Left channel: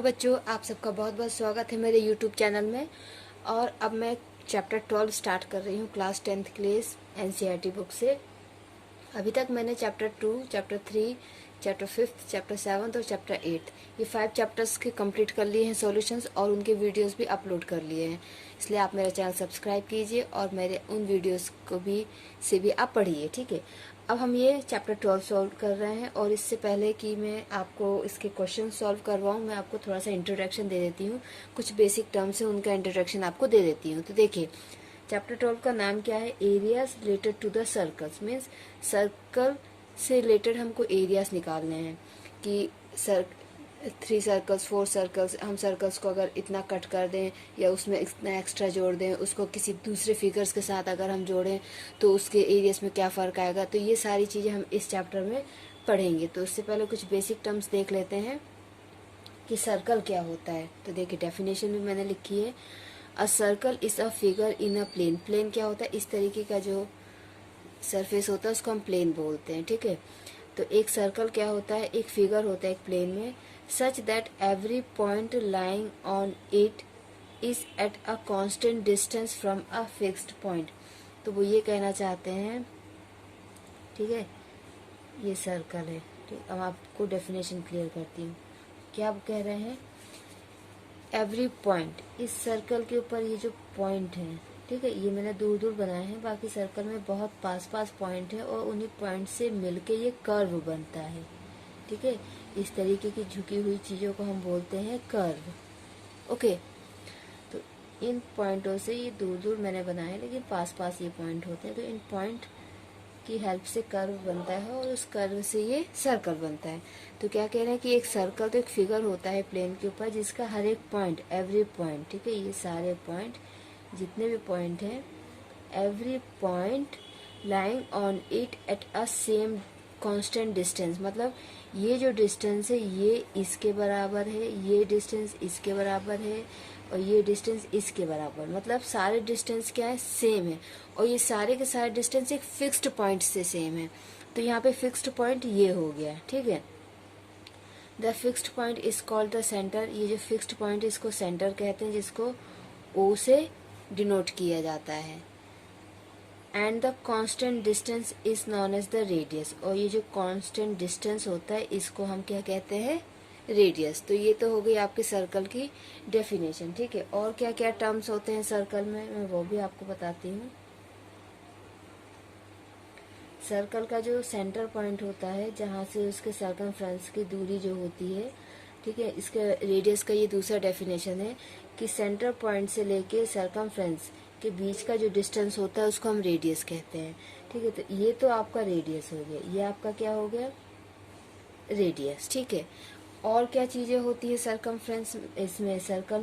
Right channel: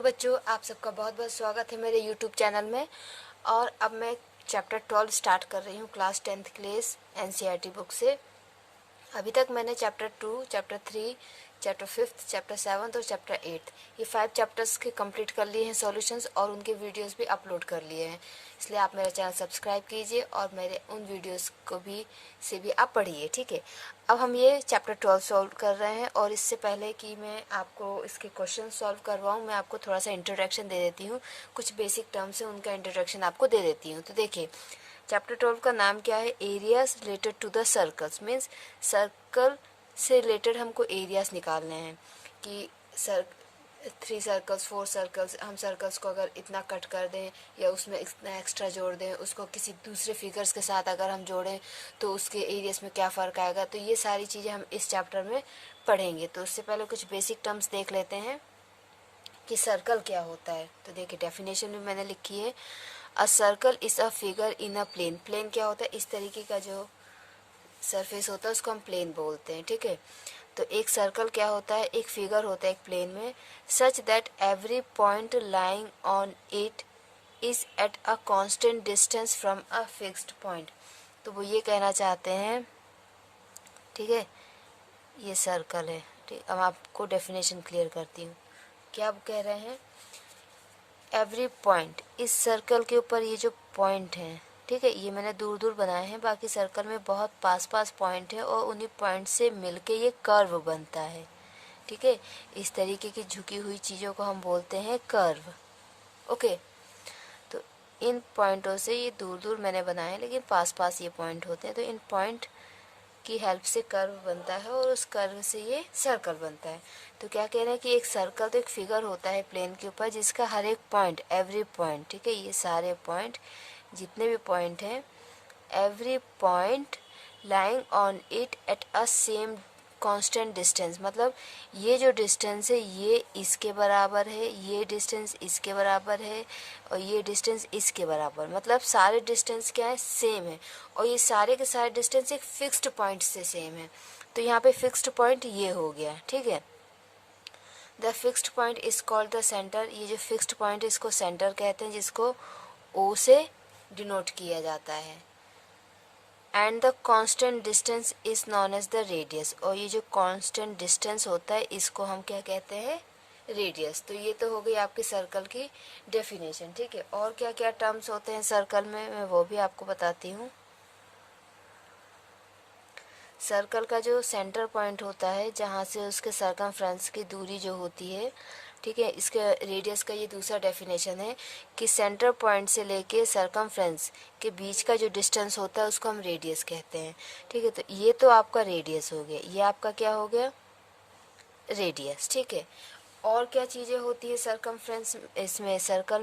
Hello बच्चों, आप सबका बहुत बहुत स्वागत है मेरे यूट्यूब चैनल में। और अब मैं चैप्टर 12 स्टार्ट कर रही हूँ class 10th class NCERT book से। अभी तक मैंने चैप्टर 2, चैप्टर 3, चैप्टर 5, चैप्टर 7 और चैप्टर 8 ये 5 चैप्टर्स के कंप्लीट कर लिए हैं सॉल्यूशंस, और उनके वीडियोस भी अपलोड कर लिए हैं। इसलिए आप मेरा चैनल सब्सक्राइब कीजिए और मेरे उन वीडियोस को भी आप पढ़िए, ठीक है। अब हम ये चैप्टर 12 सॉल्व कर रहे हैं, और इससे पहले कि मैं आपको इसके क्वेश्चन सॉल्व करवाऊँ, मैं आपको थोड़ा सा इंट्रोडक्शन दे देती हूँ। कुछ बेसिक टर्म्स है, उनका इंट्रोडक्शन आपको दे देती हूँ। तो देखिए, चैप्टर 12 का नाम क्या है? Areas related to the circles. Means circle से रिलेटेड हमको एरियाज निकालने हैं कि 3 सर्कल्स, 4 सर्कल्स, हम सर्कल्स को अगर इतना कट कर दें या उसमें इतना एक्स्ट्रा जोड़ दें, उसको किसी दूसरे फिगर्स के साथ अगर हम जोड़ें तो उसके एरियाज में क्या फ़र्क आएगा। तो ये सारी चीज़ें हम इस चैप्टर में पढ़ेंगे। तो उससे पहले कुछ बेसिक टर्म्स देख लेते हैं कि सर्कल क्या होता है। तो देखिए, डेफिनेशन में मैंने लिखी है, a circle is a figure in a plane. Plane क्या होता है? इस तरीके का जो सरफेस होता है उसको हम प्लेन बोलते हैं, ठीक है। तो एक सर्कल क्या होता है? एक फिगर होता है एक प्लेन में, such that every point lying on it is at a constant distance from a fixed point. तो वो ये कहना चाहते हैं, ठीक है, ये सर्कल है, ठीक। अब आपको डेफिनेशन क्लियर करती हूँ। क्या आप कह रहे हैं? एवरी पॉइंट, इस सर्कल के ऊपर ये जो पॉइंट है, ठीक है, ये मैंने दूर दूर बनाए हैं, बाकी सर्कल में बहुत पास पास पॉइंट है, और उन्हीं पॉइंट से मिलके ये कर्व बनता है, ठीक है। इस तरीके की झुकी हुई चीज़ों को हम बोलते हैं कर्व, ओके। तो इन पॉइंटों से, ये दूर दूर मैंने बनाए हैं लेकिन पास पास ये पॉइंट होते हैं, तो इन पॉइंट की हेल्प से कर्व बनता है, और उस कर्व से ये सर्कल बनता है। तो क्या कह रहे हैं कि एक सर्कल तो एक फिगर होता है प्लेन के ऊपर, जिसका हर एक पॉइंट, एवरी पॉइंट, ठीक है, ये सारे पॉइंट, जितने भी पॉइंट हैं, every point lying on it at a same constant distance. मतलब ये जो डिस्टेंस है ये इसके बराबर है, ये डिस्टेंस इसके बराबर है, और ये डिस्टेंस इसके बराबर। मतलब सारे डिस्टेंस क्या है? सेम है, और ये सारे के सारे डिस्टेंस एक फिक्स्ड पॉइंट से सेम है। तो यहाँ पे फिक्स्ड पॉइंट ये हो गया, ठीक है। The fixed point is called the centre. ये जो फिक्स्ड पॉइंट है इसको सेंटर कहते हैं, जिसको ओ से डिनोट किया जाता है। And the constant distance is known as the radius. और ये जो कांस्टेंट डिस्टेंस होता है इसको हम क्या कहते हैं? रेडियस। तो ये तो हो गई आपके सर्कल की डेफिनेशन, ठीक है। और क्या क्या टर्म्स होते हैं सर्कल में, मैं वो भी आपको बताती हूँ। सर्कल का जो सेंटर पॉइंट होता है, जहाँ से उसके सर्कमफ्रेंस की दूरी जो होती है, ठीक है, इसके रेडियस का ये दूसरा डेफिनेशन है कि सेंटर पॉइंट से लेके सर्कमफ्रेंस के बीच का जो डिस्टेंस होता है उसको हम रेडियस कहते हैं, ठीक है। तो ये तो आपका रेडियस हो गया, ये आपका क्या हो गया? रेडियस, ठीक है। और क्या चीज़ें होती है सर्कमफ्रेंस, इसमें सर्कल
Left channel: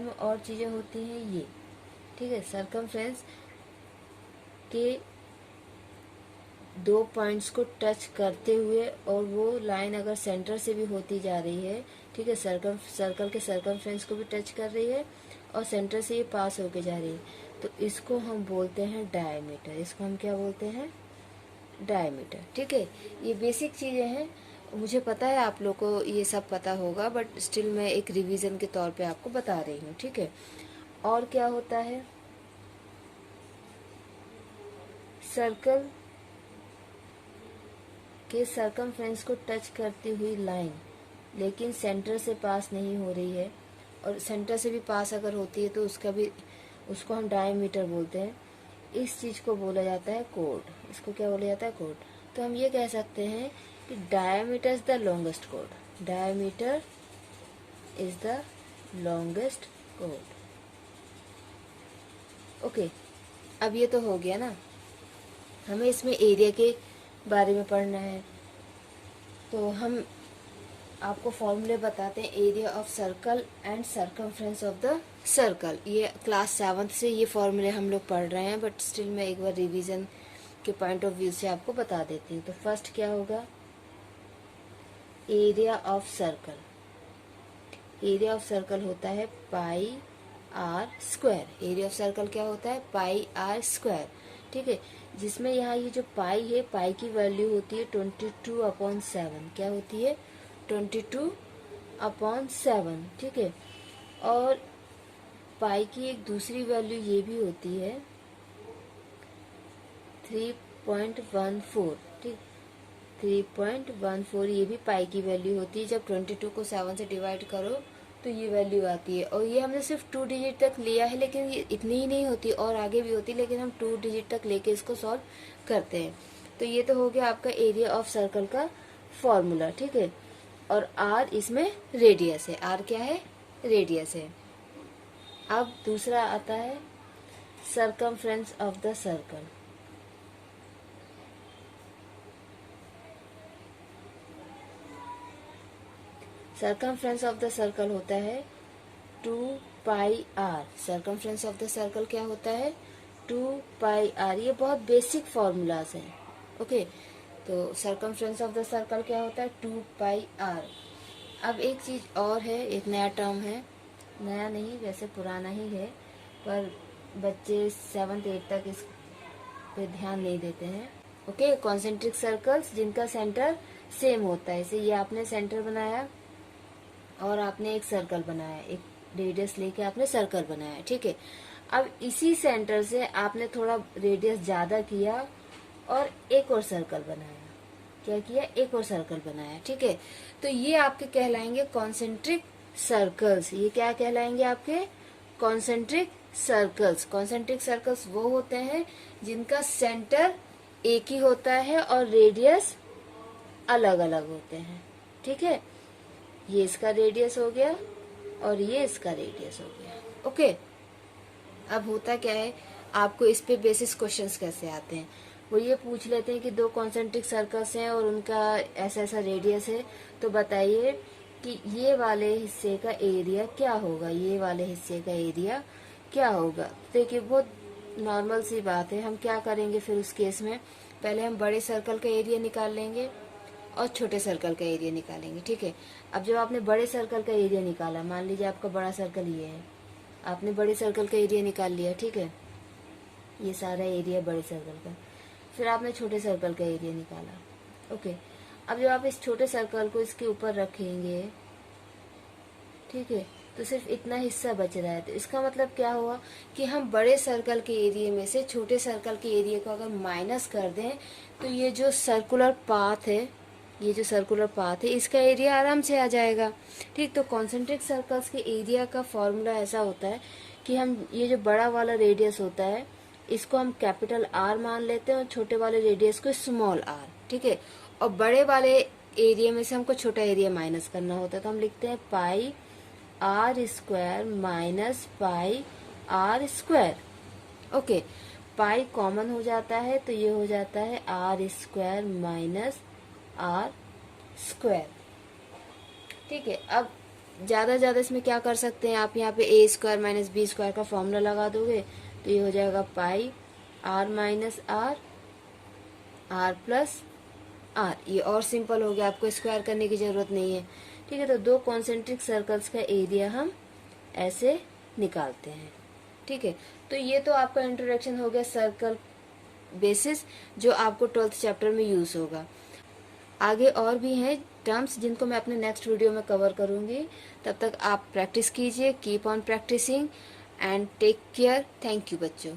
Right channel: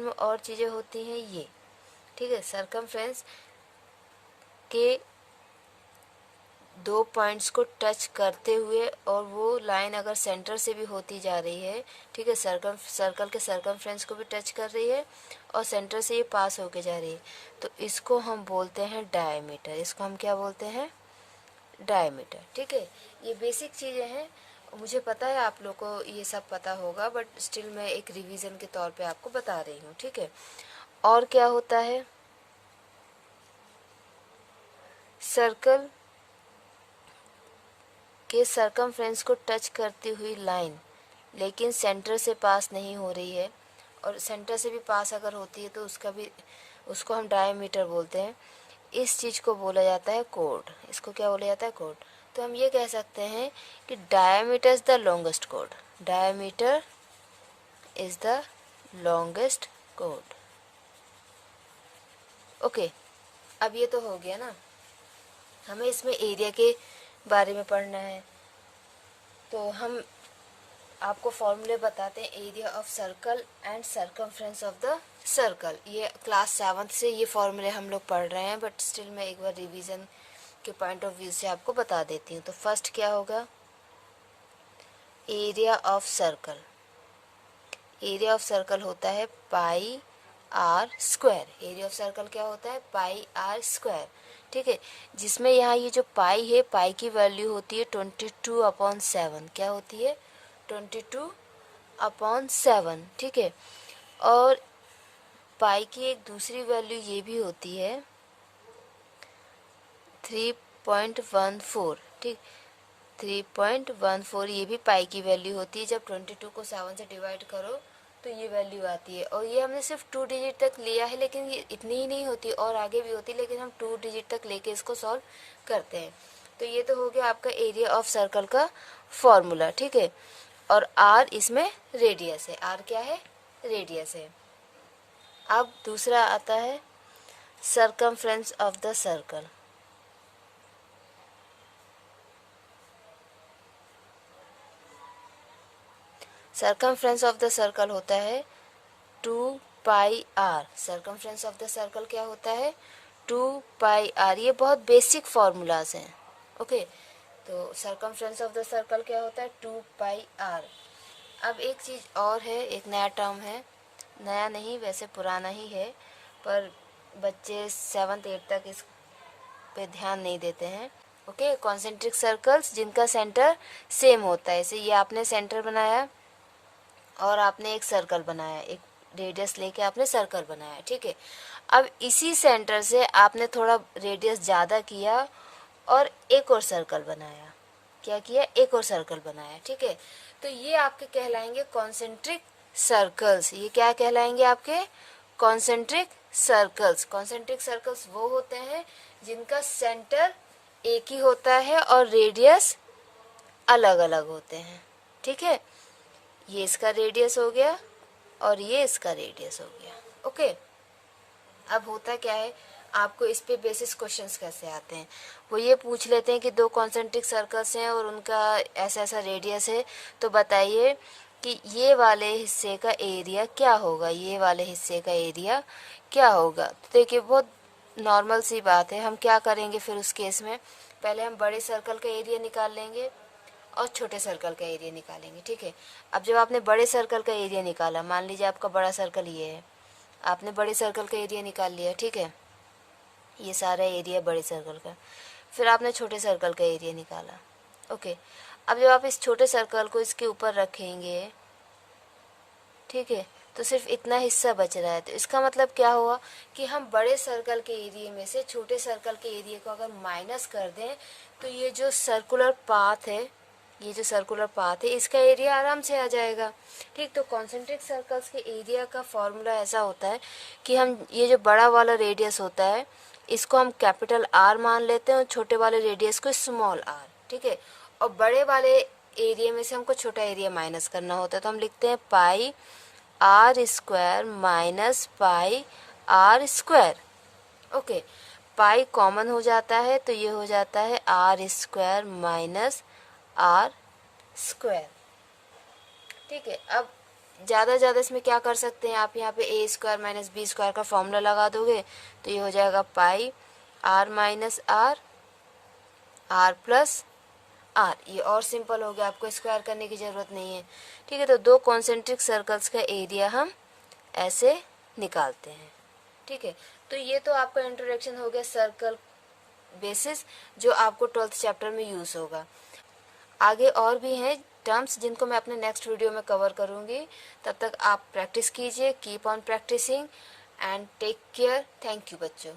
में और चीज़ें होती हैं ये, ठीक है। सर्कमफ्रेंस के 2 पॉइंट्स को टच करते हुए, और वो लाइन अगर सेंटर से भी होती जा रही है, ठीक है, सर्कल के सर्कमफ्रेंस को भी टच कर रही है और सेंटर से ये पास होके जा रही है, तो इसको हम बोलते हैं डायमीटर। इसको हम क्या बोलते हैं? डायमीटर, ठीक है। ये बेसिक चीज़ें हैं, मुझे पता है आप लोग को ये सब पता होगा, बट स्टिल मैं एक रिवीजन के तौर पे आपको बता रही हूँ, ठीक है। और क्या होता है? सर्कल के सर्कमफ्रेंस को टच करती हुई लाइन लेकिन सेंटर से पास नहीं हो रही है, और सेंटर से भी पास अगर होती है तो उसको हम डायमीटर बोलते हैं। इस चीज़ को बोला जाता है कोड। इसको क्या बोला जाता है? कोड। तो हम ये कह सकते हैं कि diameter is the longest code. Diameter is the longest code, okay. अब ये तो हो गया ना, हमें इसमें एरिया के बारे में पढ़ना है, तो हम आपको फॉर्मूले बताते हैं। Area of circle and circumference of the circle, ये क्लास 7 से ये फॉर्मूले हम लोग पढ़ रहे हैं, बट स्टिल मैं एक बार रिवीजन के पॉइंट ऑफ व्यू से आपको बता देती हूँ। तो फर्स्ट क्या होगा? Area of circle. Area of circle होता है pi r square. Area of circle क्या होता है? पाई आर स्क्वायर, ठीक है। जिसमें यहाँ ये जो पाई है, पाई की वैल्यू होती है 22/7। क्या होती है? 22 अपॉन 7, ठीक है। और पाई की एक दूसरी वैल्यू ये भी होती है 3.14, ठीक। 3.14 ये भी पाई की वैल्यू होती है। जब 22 को 7 से डिवाइड करो तो ये वैल्यू आती है। और ये हमने सिर्फ 2 डिजिट तक लिया है, लेकिन ये इतनी ही नहीं होती और आगे भी होती, लेकिन हम 2 डिजिट तक लेके इसको सॉल्व करते हैं। तो ये तो हो गया आपका एरिया ऑफ सर्कल का फॉर्मूला, ठीक है। और आर इसमें रेडियस है, आर क्या है, रेडियस है। अब दूसरा आता है circumference of the circle. Circumference of the circle होता है 2 pi r. Circumference of the circle क्या होता है, 2 पाई आर। ये बहुत बेसिक फॉर्मूलाज हैं, ओके। तो सर्कमफ्रेंस ऑफ द सर्कल क्या होता है, 2 पाई आर। अब एक चीज और है, एक नया टर्म है, नया नहीं वैसे पुराना ही है, पर बच्चे 7th 8th तक इस पे ध्यान नहीं देते हैं, ओके। कॉन्सेंट्रिक सर्कल्स जिनका सेंटर सेम होता है, जैसे ये आपने सेंटर बनाया और आपने एक सर्कल बनाया, एक रेडियस लेके आपने सर्कल बनाया, ठीक है। अब इसी सेंटर से आपने थोड़ा रेडियस ज़्यादा किया और एक और सर्कल बनाया। क्या किया, एक और सर्कल बनाया, ठीक है। तो ये आपके कहलाएंगे कॉन्सेंट्रिक सर्कल्स। ये क्या कहलाएंगे आपके, कॉन्सेंट्रिक सर्कल्स। कॉन्सेंट्रिक सर्कल्स वो होते हैं जिनका सेंटर एक ही होता है और रेडियस अलग अलग होते हैं, ठीक है। ये इसका रेडियस हो गया और ये इसका रेडियस हो गया, ओके। अब होता क्या है, आपको इस पे बेसिस क्वेश्चंस कैसे आते हैं, वो ये पूछ लेते हैं कि 2 कॉन्सेंट्रिक सर्कल्स हैं और उनका ऐसा ऐसा रेडियस है, तो बताइए कि ये वाले हिस्से का एरिया क्या होगा, ये वाले हिस्से का एरिया क्या होगा। तो देखिए बहुत नॉर्मल सी बात है। हम क्या करेंगे फिर उस केस में, पहले हम बड़े सर्कल का एरिया निकाल लेंगे और छोटे सर्कल का एरिया निकालेंगे, ठीक है। अब जब आपने बड़े सर्कल का एरिया निकाला, मान लीजिए आपका बड़ा सर्कल ये है, आपने बड़े सर्कल का एरिया निकाल लिया, ठीक है। ये सारा एरिया बड़े सर्कल का। फिर आपने छोटे सर्कल का एरिया निकाला, ओके। अब जब आप इस छोटे सर्कल को इसके ऊपर रखेंगे, ठीक है, तो सिर्फ इतना हिस्सा बच रहा है। तो इसका मतलब क्या हुआ कि हम बड़े सर्कल के एरिया में से छोटे सर्कल के एरिया को अगर माइनस कर दें तो ये जो सर्कुलर पाथ है, ये जो सर्कुलर पाथ है, इसका एरिया आराम से आ जाएगा, ठीक। तो कॉन्सेंट्रिक सर्कल्स के एरिया का फॉर्मूला ऐसा होता है कि हम ये जो बड़ा वाला रेडियस होता है इसको हम कैपिटल आर मान लेते हैं और छोटे वाले रेडियस को स्मॉल आर, ठीक है। और बड़े वाले एरिया में से हमको छोटा एरिया माइनस करना होता है, तो हम लिखते हैं pi r square minus pi r square, okay. Pi common हो जाता है तो ये हो जाता है r square minus r square, ठीक है। अब ज़्यादा इसमें क्या कर सकते हैं आप, यहाँ पे a square minus b square का फॉर्मूला लगा दोगे तो ये हो जाएगा pi r minus r, r plus r. ये और सिंपल हो गया, आपको स्क्वायर करने की ज़रूरत नहीं है, ठीक है। तो 2 कॉन्सेंट्रिक सर्कल्स का एरिया हम ऐसे निकालते हैं, ठीक है। तो ये तो आपका इंट्रोडक्शन हो गया सर्कल बेसिस, जो आपको 12th चैप्टर में यूज़ होगा। आगे और भी हैं टर्म्स जिनको मैं अपने नेक्स्ट वीडियो में कवर करूंगी। तब तक आप प्रैक्टिस कीजिए, keep on practising and take care. Thank you बच्चों।